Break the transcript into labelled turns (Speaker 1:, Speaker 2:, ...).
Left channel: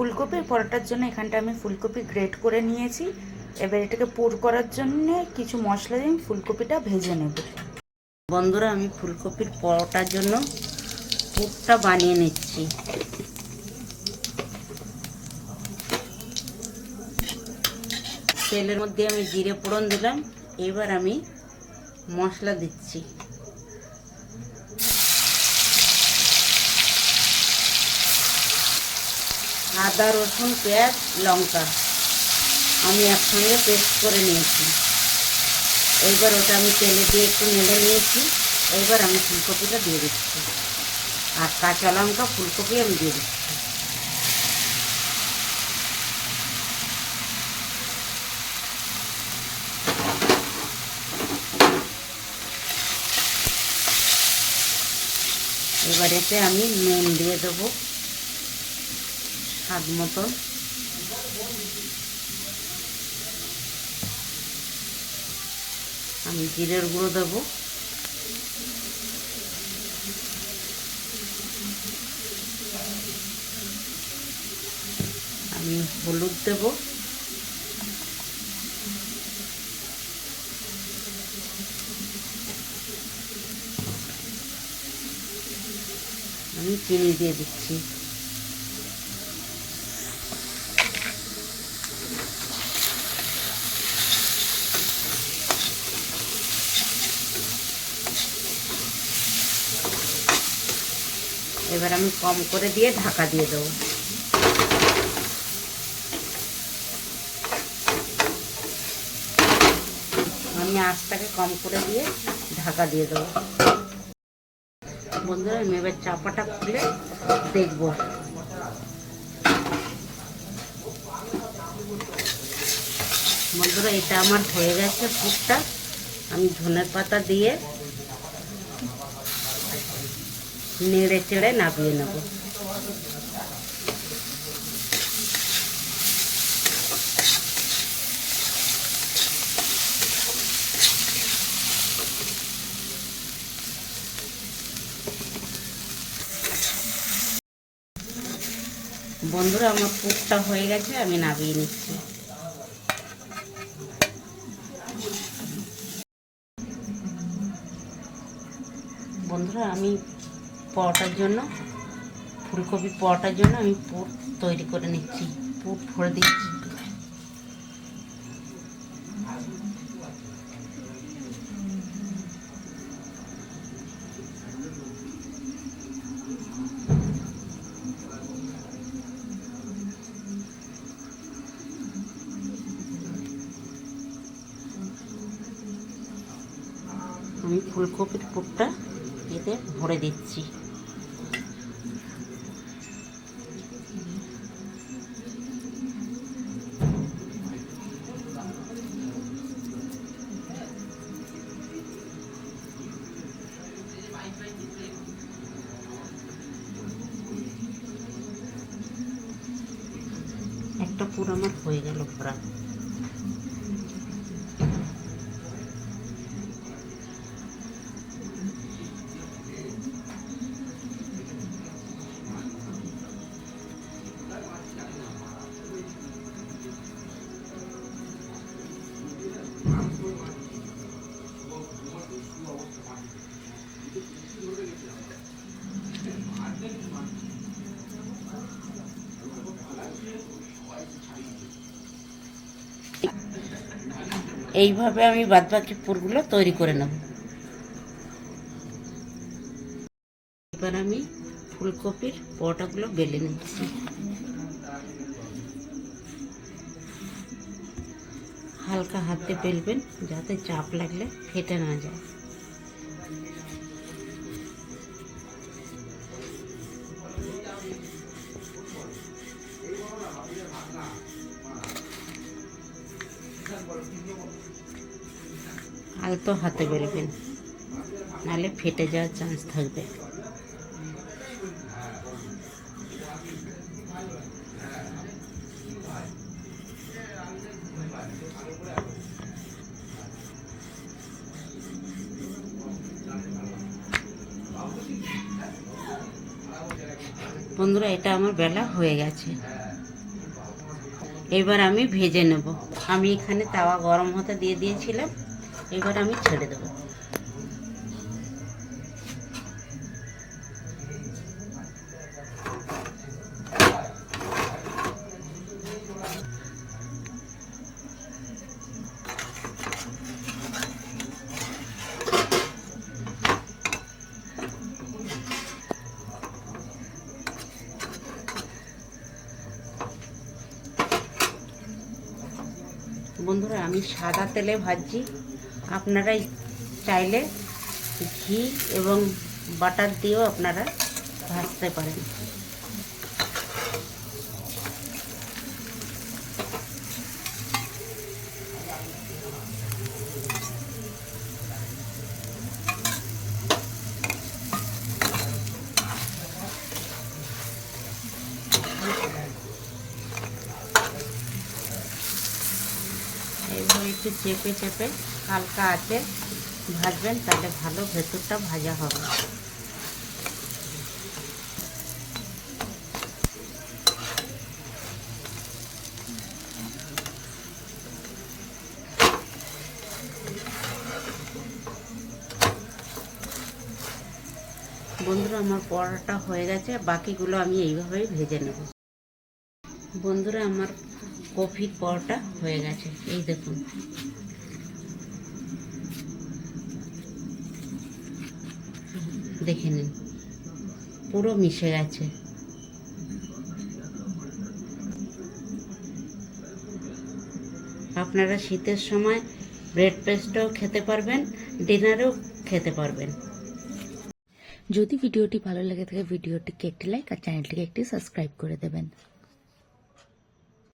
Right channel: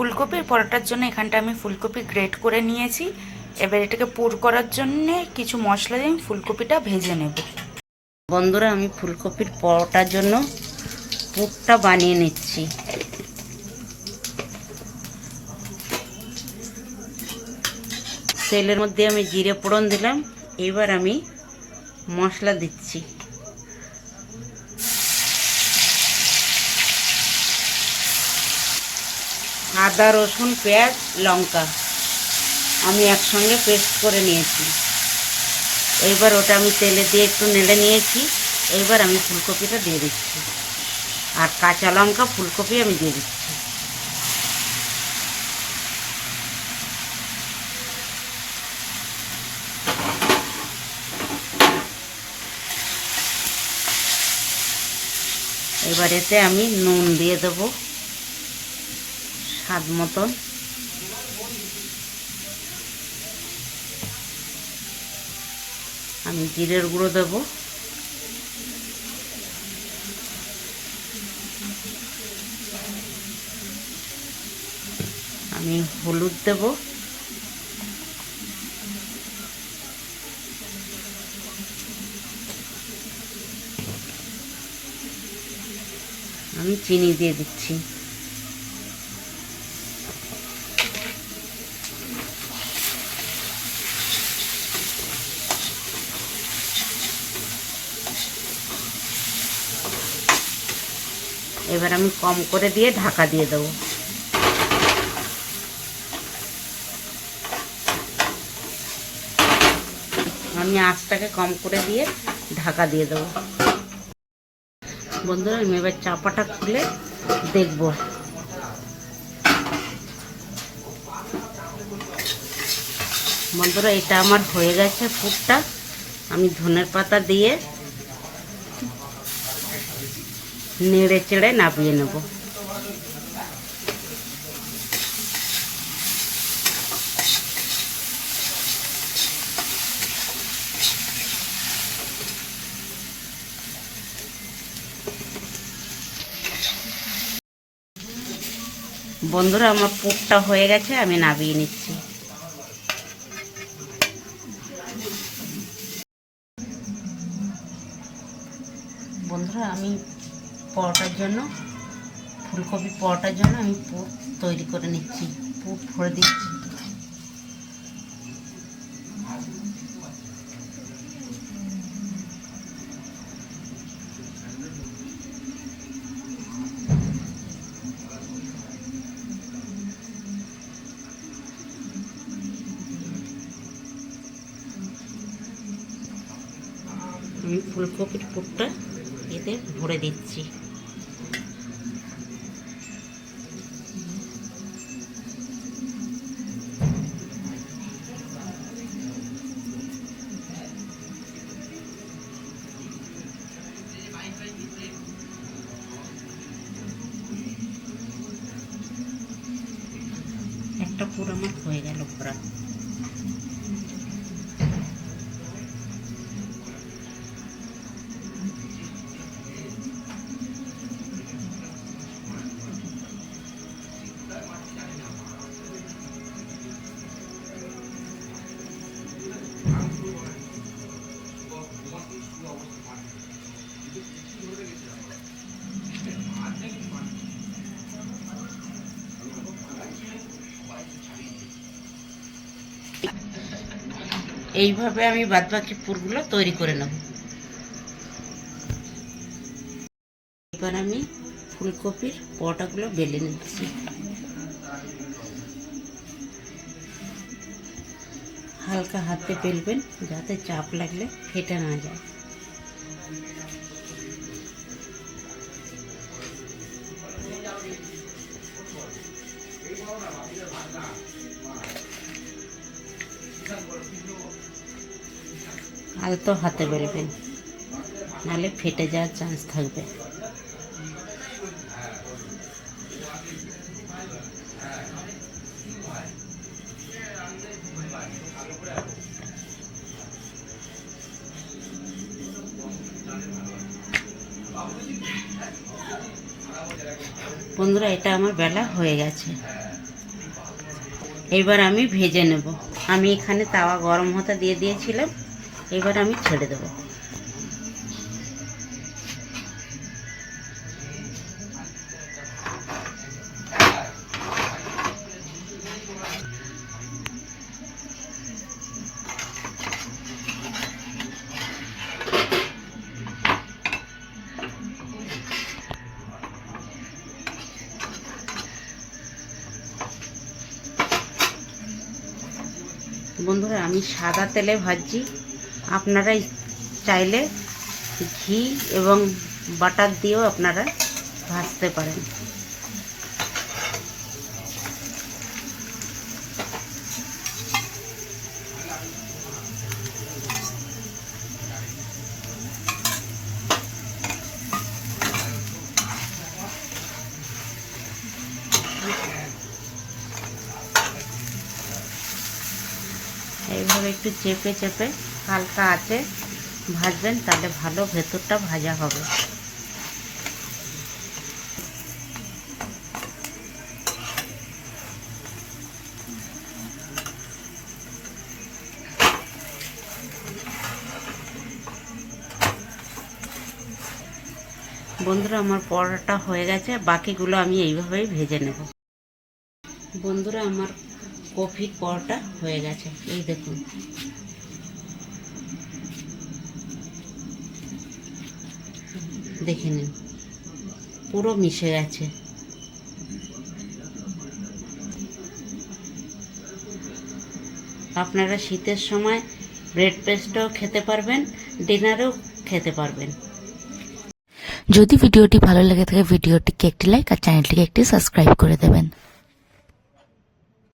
Speaker 1: ফুলকপির পরোটার জন্য এখানটা আমি ফুলকপি গ্রেট করে নিয়েছি। এবার এটাকে পুর করার জন্য কিছু মশলা দিয়ে আমি ফুলকপিটা ভেজে নেব।
Speaker 2: বন্ধুরা, আমি ফুলকপির পরোটার জন্য পুরটা বানিয়ে নিচ্ছি। তেলের মধ্যে আমি জিরে ফোড়ন দিলাম। এবার আমি মশলা দিচ্ছি। আদা, রসুন, পেঁয়াজ, লঙ্কা আমি একসঙ্গে পেস্ট করে নিয়েছি। এইবার ওটা আমি তেলে দিয়ে একটু নেড়ে নিয়েছি। এইবার আমি ফুলকপিটা দিয়ে দিচ্ছি। আর কাঁচা লঙ্কা ফুলকপি আমি দিয়ে দিচ্ছি। এবার এতে আমি নুন দিয়ে দেবো। স্বাদ মতো। আমি জিরের গুঁড়ো দেবো। আমি হলুদ দেবো। আমি চিনি দিয়ে দিচ্ছি। এবার আমি কম করে দিয়ে ঢাকা দিয়ে দেবো। আমি আঁচটাকে কম করে দিয়ে ঢাকা দিয়ে দেবো। বন্ধুরা, আমি এবার চাপাটা খুলে দেখব। বন্ধুরা, এটা আমার হয়ে গেছে ফুটটা আমি ধনের পাতা দিয়ে নেড়ে চেড়ে নামিয়ে নেব। বন্ধুরা আমার পুরটা হয়ে গেছে আমি নামিয়ে নিচ্ছি। বন্ধুরা আমি পরোটার জন্য, ফুলকপি পরোটার জন্য আমি পুর তৈরি করে নিচ্ছি, পুর ভরে দিচ্ছি। আমি ফুলকপির পুরটা এতে ভরে দিচ্ছি। একটা পুরোনো হয়ে গেল পুরা এইভাবে আমি বাদবাকি পুরগুলো তৈরি করে নেব। এবার আমি ফুলকপির পরোটাগুলো বেলে নিচ্ছি। হালকা হাতে বেলবেন যাতে চাপ লাগলে ফেটে না যায়। আলতো হাতে বেলবেন নাহলে ফেটে যাওয়ার চান্স থাকবে। বন্ধুরা, এটা আমার বেলা হয়ে গেছে। এবার আমি ভেজে নেব। আমি এখানে তাওয়া গরম হতে দিয়ে দিয়েছিলাম। এবার আমি ছেড়ে দেবো। বন্ধুরা আমি সাদা তেলে ভাজছি। আপনারা চাইলে ঘি এবং বাটার দিয়েও আপনারা ভাজতে পারেন। এইভাবে একটু চেপে চেপে হালকা আছে, ভাজবেন, তাহলে ভালো ভেতরটা ভাজা হবে। বন্ধুরা, আমার পরোটা হয়ে গেছে, বাকিগুলো আমি এইভাবেই ভেজে নেব। বন্ধুরা, আমার কফির পরোটা হয়ে গেছে, এই দেখুন। দেখে নিন। পুরো মিশে গেছে। আপনারা শীতের সময় ব্রেড পেস্টও খেতে পারবেন ডিনারও খেতে পারবেন।
Speaker 3: যদি ভিডিওটি ভালো লেগে থাকে, ভিডিওটিকে একটি লাইক আর চ্যানেলটিকে একটি সাবস্ক্রাইব করে দেবেন।